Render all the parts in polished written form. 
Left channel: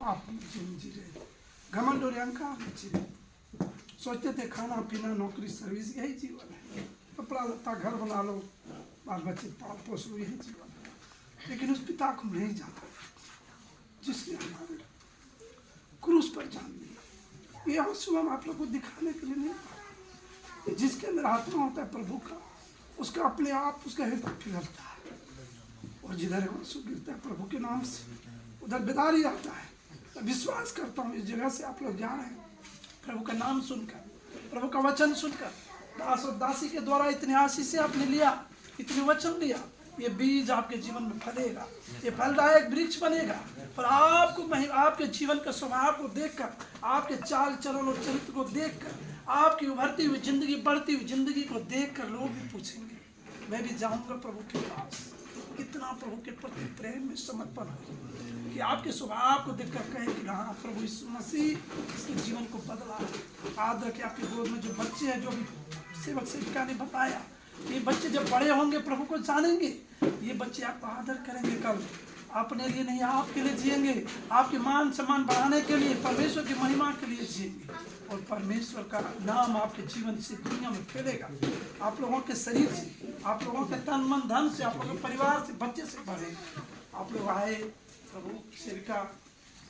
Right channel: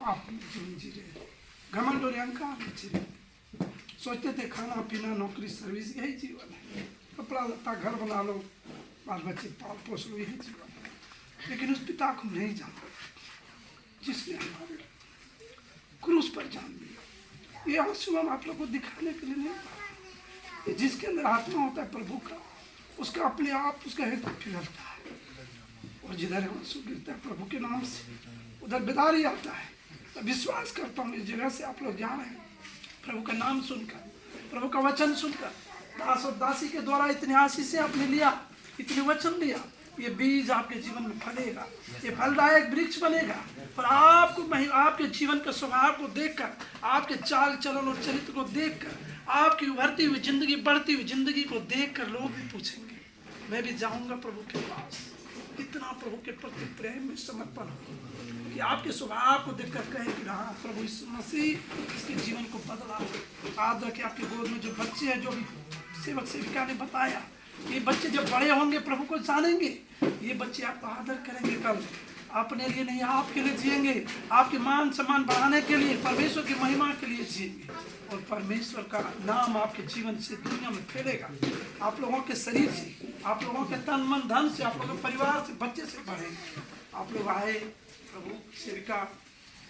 आप जी रहे घमंड और अहंकार में जी रहे, सोचते थे खाना पीना नौकरी सर्विस यही जीवन है, कपड़ा लत्ता घर बना लो बाल बच्चे पाल पोस लो यही जीवन है। लेकिन उस पिता को नहीं जाना जिसने हमारे क्रूस पर जान दिया। ये आंसू हम आप लोग को दिखाने के लिए नहीं पा रहे। जिसके अंदर आत्मा होता है प्रभु का, उसका अपने आप उसका हृदय पिघलता है, और जिधर आंसू गिरता है प्रभु के नाम से उधर बेदारी आता है। विश्वास करता हूँ इस जगह से आप लोग जा रहे हैं प्रभु का नाम सुनकर, प्रभु का वचन सुनकर, दास और दासी के द्वारा इतनी आशीष से आपने लिया, इतने वचन लिया, ये बीज आपके जीवन में फलेगा, ये फलदायक वृक्ष बनेगा। और आपको आपके जीवन के स्वभाव को देखकर, आपके चाल चलन और चरित्र को देखकर, आपकी उभरती हुई जिंदगी, बढ़ती हुई जिंदगी को देखकर लोग भी पूछेंगे मैं भी जाऊंगा प्रभु के पास। कितना प्रभु के प्रति प्रेम में समर्पण हो कि आपके स्वभाव को देखकर कहे कि हाँ प्रभु यीशु मसीह इसके जीवन को बदला। याद रखे आपके गोद में जो बच्चे हैं, जो भी सेवक सेविका ने बताया, ये बच्चे जब बड़े होंगे प्रभु को जानेंगे, ये बच्चे आपका आदर करेंगे, कल अपने लिए नहीं आपके लिए जिएंगे, आपके मान सम्मान बढ़ाने के लिए, परमेश्वर की महिमा के लिए जिएंगे, और परमेश्वर का नाम आपके जीवन से दुनिया में फैलेगा। आप लोगों के शरीर से, आप लोगों के तन मन धन से, आप लोगों के परिवार से, बच्चे से बढ़ेगा। आप लोग आए प्रभु सेविका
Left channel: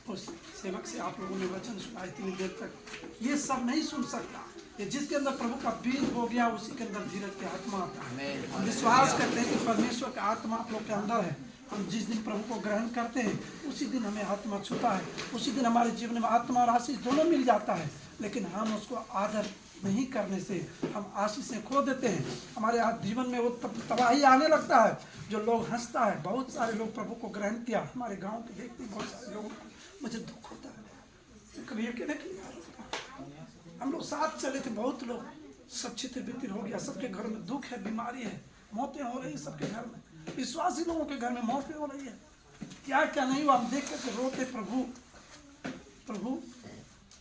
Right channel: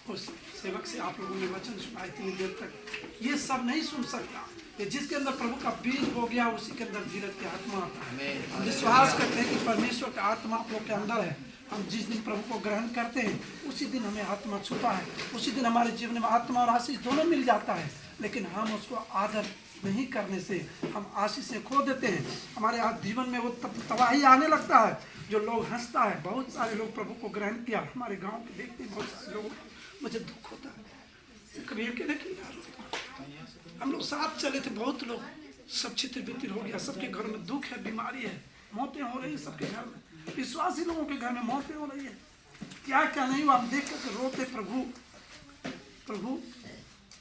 और सेवक से आप लोगों ने वचन सुना इतनी देर तक, ये सब नहीं सुन सकता। ये जिसके अंदर प्रभु का बीज हो गया उसी के अंदर धीरज की आत्मा आता है। हम विश्वास करते हैं कि परमेश्वर का आत्मा आप लोग के अंदर है। हम जिस दिन प्रभु को ग्रहण करते हैं उसी दिन हमें आत्मा छूता है, उसी दिन हमारे जीवन में आत्मा और आशीष दोनों मिल जाता है। लेकिन हम उसको आदर नहीं करने से हम आशीषें खो देते हैं। हमारे जीवन में वो तबाही आने लगता है, जो लोग हंसता है। बहुत सारे लोग प्रभु को ग्रहण किया, हमारे गांव के देखते बहुत सारे लोग, मुझे दुख होता है। कभी अकेले हम लोग साथ चले थे, बहुत लोग सब छितिर बितिर हो गया, सबके घर में दुख है, बीमारी है, मौतें हो रही है सबके घर में, विश्वासी लोगों के घर में मौतें हो रही है। क्या क्या नहीं हुआ, हम देख कर रोते प्रभु प्रभु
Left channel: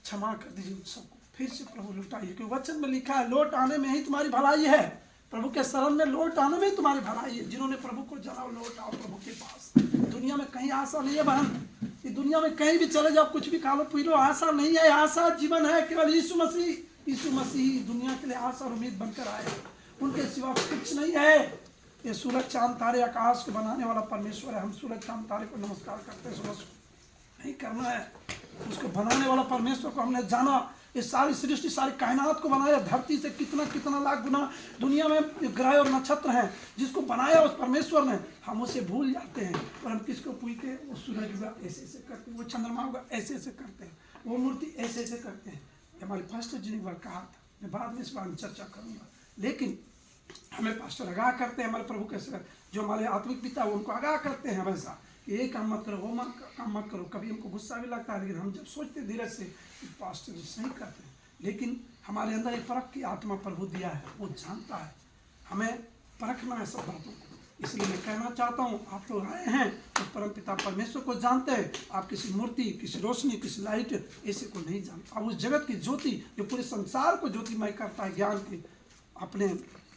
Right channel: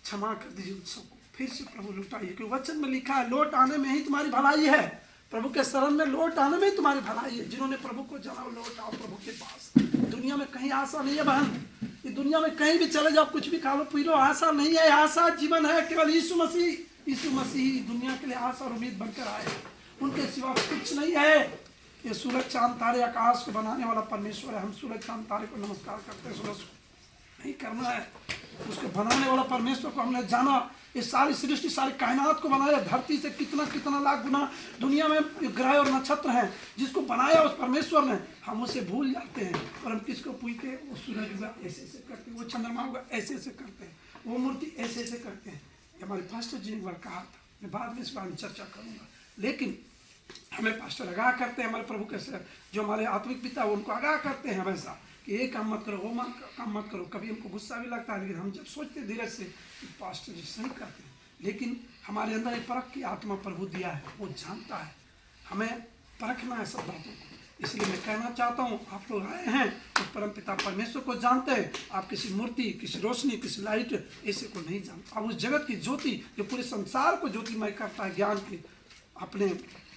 क्षमा कर दीजिए सबको, फिर से प्रभु लौटाइए, क्योंकि वचन में लिखा है लौट आने में ही तुम्हारी भलाई है। प्रभु के शरण में लौट आने में ही तुम्हारी भलाई है। जिन्होंने प्रभु को जाना लौट आओ प्रभु के पास। दुनिया में कहीं आशा नहीं है बहन, ये दुनिया में कहीं भी चले जाओ, कुछ भी खा लो पी लो, आशा नहीं है। आशा जीवन है केवल यीशु मसीह। यीशु मसीह दुनिया के लिए आशा और उम्मीद बनकर आए, उनके सिवा कुछ नहीं है। ये सूरज चांद तारे आकाश को बनाने वाला परमेश्वर है। हम सूरज चांद तारे को नमस्कार करते हैं, सूरज को नहीं करना है। उसको बनाने वाला परमेश्वर को हमने जाना। ये सारी सृष्टि, सारी कायनात को बनाया, धरती से कितना कितना लाख गुना दुनिया में ग्रह और नक्षत्र हैं, जिसको बनाया उस परमेश्वर ने। हम उसे भूल जाते हैं और हम किसको पूजते हैं? वो सूरज हुआ ऐसे ऐसे करते हैं, वो चंद्रमा हुआ ऐसे ऐसे करते हैं, वो मूर्ति ऐसे ऐसे करते हैं। हमारे पास्टर जी ने एक बार कहा था, मैं बाद में इस बारे में चर्चा करूँगा, लेकिन हमें पास्टर आगाह करते हैं, हमारे प्रभु के जो हमारे आत्मिक पिता वो उनको आगाह करते हैं हमेशा कि ये काम मत करो, वो काम मत करो। कभी हमको गुस्सा भी लगता है, लेकिन हम जब सोचते धीरज से कि पास्टर जी सही करते हैं, लेकिन हमारे अंदर एक परख की आत्मा प्रभु दिया है, वो जानता है। हमें परखना है सब बातों को। इसलिए मैं कहना चाहता हूँ, आप लोग आए हैं तो परम पिता परमेश्वर को जानते हैं। आप किसी मूर्ति, किसी रोशनी, किसी लाइट ऐसे को नहीं जानते। आप उस जगत की ज्योति जो पूरे संसार को ज्योतिमय करता है, ज्ञान की अपने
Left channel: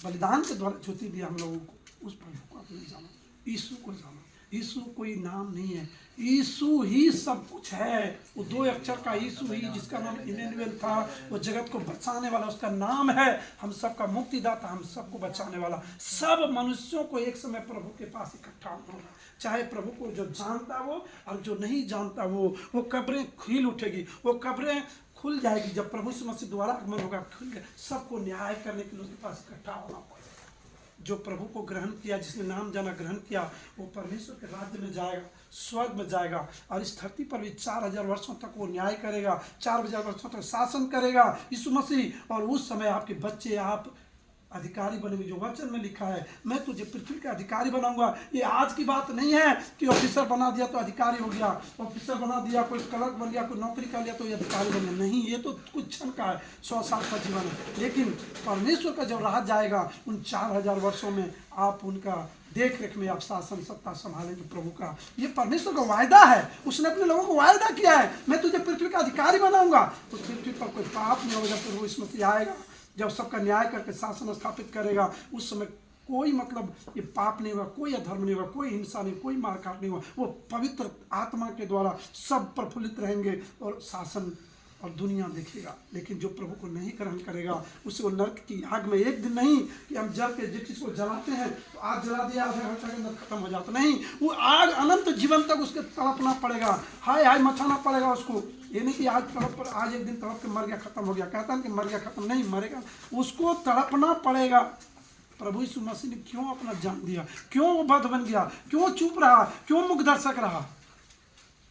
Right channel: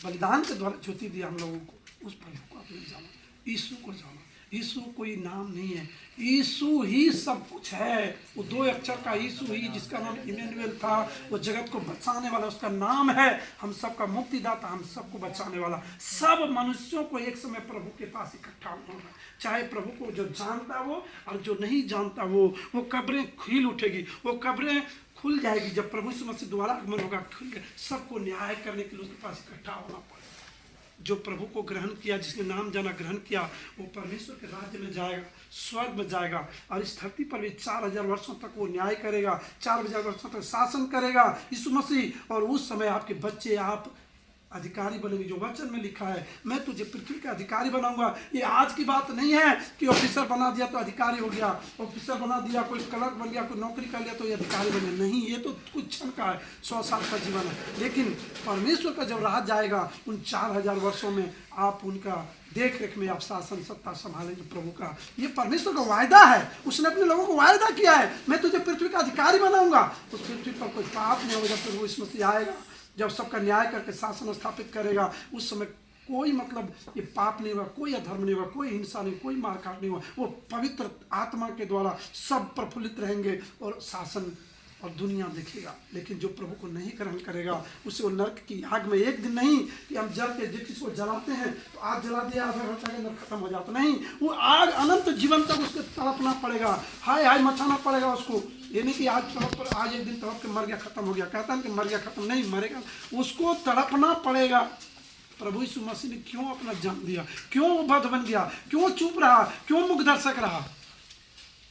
बलिदान के द्वारा ज्योति दिया हम लोगों को, उस प्रभु को आपने जाना, यीशु को जाना। यीशु कोई नाम नहीं है, यीशु ही सब कुछ है। वो दो अक्षर का यीशु ही, जिसका नाम इमैनुएल था, वो जगत को बचाने वाला, उसका नाम है। हम सबका मुक्तिदाता, हम सबको बचाने वाला। सब मनुष्यों को एक समय प्रभु के पास इकट्ठा होना, चाहे प्रभु को जो जानता वो और जो नहीं जानता वो कब्रें खिल उठेगी, वो कब्रें खुल जाएगी। जब प्रभु यीशु मसीह दोबारा आगमन होगा, खुल गए, सबको न्याय करने के लिए उसके पास इकट्ठा होना पड़ेगा। जो प्रभु को ग्रहण किया, जिसने नाम जाना ग्रहण किया, वो परमेश्वर के राज्य में जाएगा, स्वर्ग में जाएगा, और इस धरती पर भी 4000 वर्षों तक वो न्याय करेगा, 4000 वर्षों तक शासन करेगा यीशु मसीह। और उस समय आपके बच्चे, आप अधिकारी बनेंगे। जो वचन में लिखा है, मैं तुझे पृथ्वी का अधिकारी बनाऊंगा। ये आज की बात नहीं है कि ऑफिसर बना दिया तो अधिकारी हो गया, ऑफिसर बना दिया, कोई क्लर्क बन गया, कोई नौकरी कर लिया तो ये अधिकारी बन गया। नहीं, ये तो कुछ क्षण का है, 100 साल का जीवन है। लेकिन परमेश्वर का जब राज जाएगा, उन 4000 वर्षों में आप उनका देख रेख में आप शासन सत्ता संभालेंगे प्रभु का। ये परमेश्वर का वायदा है, उसने अपने लोगों को वायदा किया है, मैं तुझे पृथ्वी का अधिकारी बनाऊंगा। तो पृथ्वी पर कोई पाप नहीं होगा। जब प्रभु यीशु मसीह आएगा, जब सबका न्याय करके शासन स्थापित करेगा, उस समय कोई मतलब ये पाप नहीं हुआ, कोई अधर्म नहीं हुआ, कोई हिंसा नहीं, कोई मारकाट नहीं हुआ। वो पवित्र आत्मा के द्वारा सब प्रफुल्लित रहेंगे और शासन और दुनिया देखेगा। लेकिन जो प्रभु को नहीं ग्रहण करेगा उसे वो नरक की आग में, एक दिन नहीं कि हम जल के जिसको जलाते हैं तो आग जला दिया आधा घंटा के अंदर खत्म हो जाता, नहीं, वो आग अनंत जीवन तक उसके तड़पना पड़ेगा, हाय हाय मचाना पड़ेगा उसको। ये नहीं कि आज तड़प पर आज एक दिन तड़प के मर गया खत्म हो गया, कहता है कि मर गया खत्म नहीं, मरेगा, उसको तड़पना पड़ेगा। प्रभु यीशु मसीह ने क्यों अपना जान दिया, क्यों वो बद्ध बन गया, क्यों चुप रहा, क्यों मुख दर्शक रहा,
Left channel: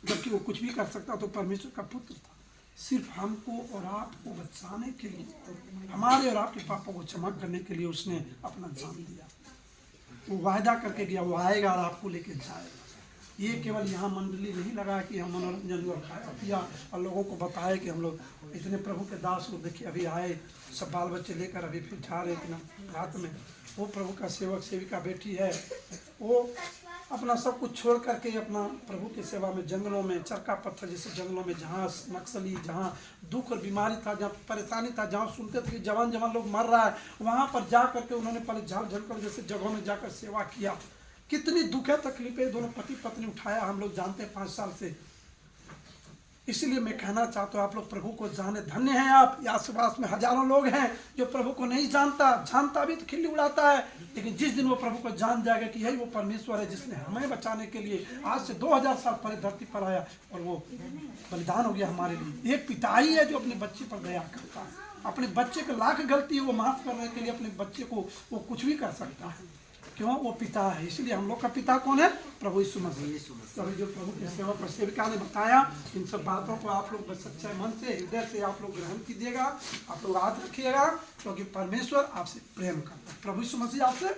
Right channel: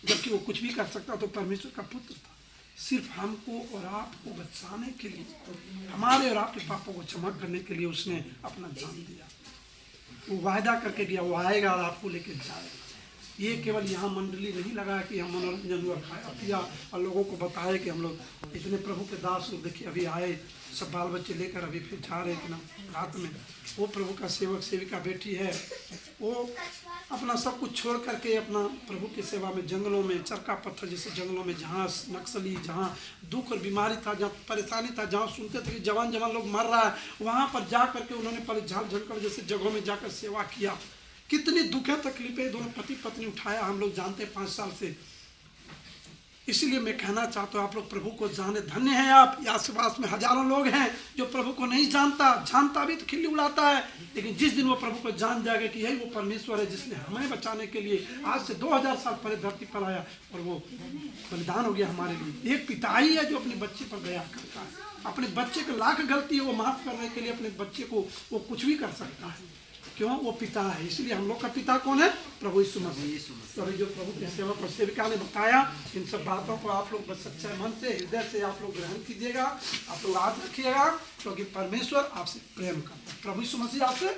जबकि वो कुछ भी कर सकता तो परमेश्वर का पुत्र था। सिर्फ हमको और आपको बचाने के लिए, हमारे और आपके पापों को क्षमा करने के लिए उसने अपना जान दिया। वो वायदा करके गया वो आएगा और आपको लेके जाएगा। ये केवल यहाँ मंडली नहीं लगा कि हम मनोरंजन हुआ खाया पिया और लोगों को बताया कि हम लोग इतने प्रभु के दास लोग देखिए अभी आए, सब बाल बच्चे लेकर अभी फिर जा रहे थे रात में। वो प्रभु का सेवक सेविका बेटी है, वो अपना सब कुछ छोड़ करके अपना प्रभु की सेवा में जंगलों में, चरका पत्थर जैसे जंगलों में, जहाँ नक्सली, जहाँ दुख और बीमारी था, जहाँ परेशानी था, जहाँ सुनते थे कि जवान जवान लोग मर रहा है, वहाँ पर जा करके उन्होंने पहले झाड़ झंकर जैसे जगहों में जाकर सेवा किया। कितनी दुखें तकलीफें दोनों पति पत्नी उठाया हम लोग जानते हैं 5 साल से। इसलिए मैं कहना चाहता हूँ आप लोग प्रभु को जाने, धन्य हैं आप। आसपास में हजारों लोग हैं जो प्रभु को नहीं जानता भी तो खिल्ली उड़ाता है, लेकिन जिस दिन वो प्रभु को जान जाएगा कि यही वो परमेश्वर है जिसने हमें बचाने के लिए आज से 2000 साल पहले धरती पर आया और वो बलिदान हो गया हमारे लिए। एक पिता ही है जो अपने बच्चे पर दया करता है, अपने बच्चे को लाख गलती है वो माफ करने के लिए अपने बच्चे को वो कुछ भी कर सकता है। क्यों? वो पिता है। इसलिए हम लोग का पिता कौन है? प्रभु यीशु मसीह। तो जो प्रभु के सेवक और सेविका ने बताया, इन सब बातों को आप लोग बस सच्चे मन से, हृदय से आप लोग ग्रहण कीजिएगा, आप लोग याद रखिएगा, क्योंकि परमेश्वर आपसे प्रेम करता है। प्रभु यीशु मसीह आपसे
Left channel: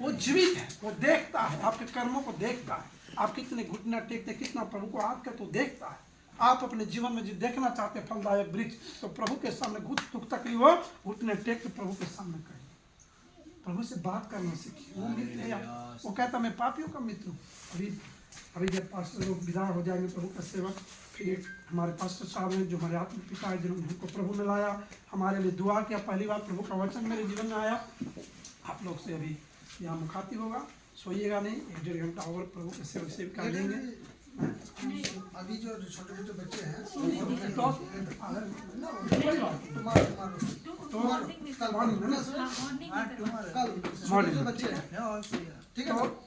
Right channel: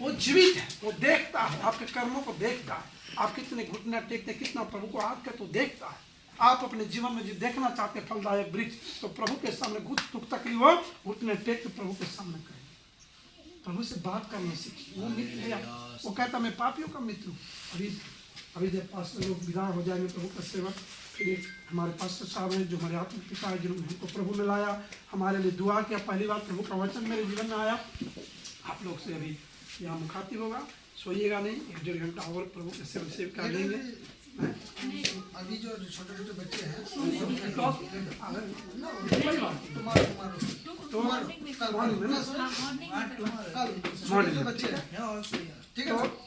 वो जीवित है, वो देखता है, आपके कर्मों को देखता है, आप कितने घुटने टेकते, कितना प्रभु को आग करते तो देखता है। आप अपने जीवन में जो देखना चाहते हैं फलदायक वृक्ष, तो प्रभु के सामने दुख तकलीफ हो, घुटने टेक के प्रभु के सामने करें, प्रभु से बात करना सीखिए। वो मित्र है, वो कहता मैं पापियों का मित्र हूँ। अभी जब पास्टर लोग विदा हो जाएंगे प्रभु का सेवक, फिर हमारे पास्टर साहब हैं जो हमारे आत्मिक पिता है जिन्होंने हमको प्रभु में लाया, हमारे लिए दुआ किया, पहली बार प्रभु का वचन मेरे जीवन में आया। आप लोग से अभी यहाँ मुखातिब होगा, सोइएगा नहीं, 1-1.5 घंटा और प्रभु के सेवक सेविका लेंगे। अभी जो छोटे छोटे बच्चे हैं मॉर्निंग में, कल बच्चे हैं, ठीक है।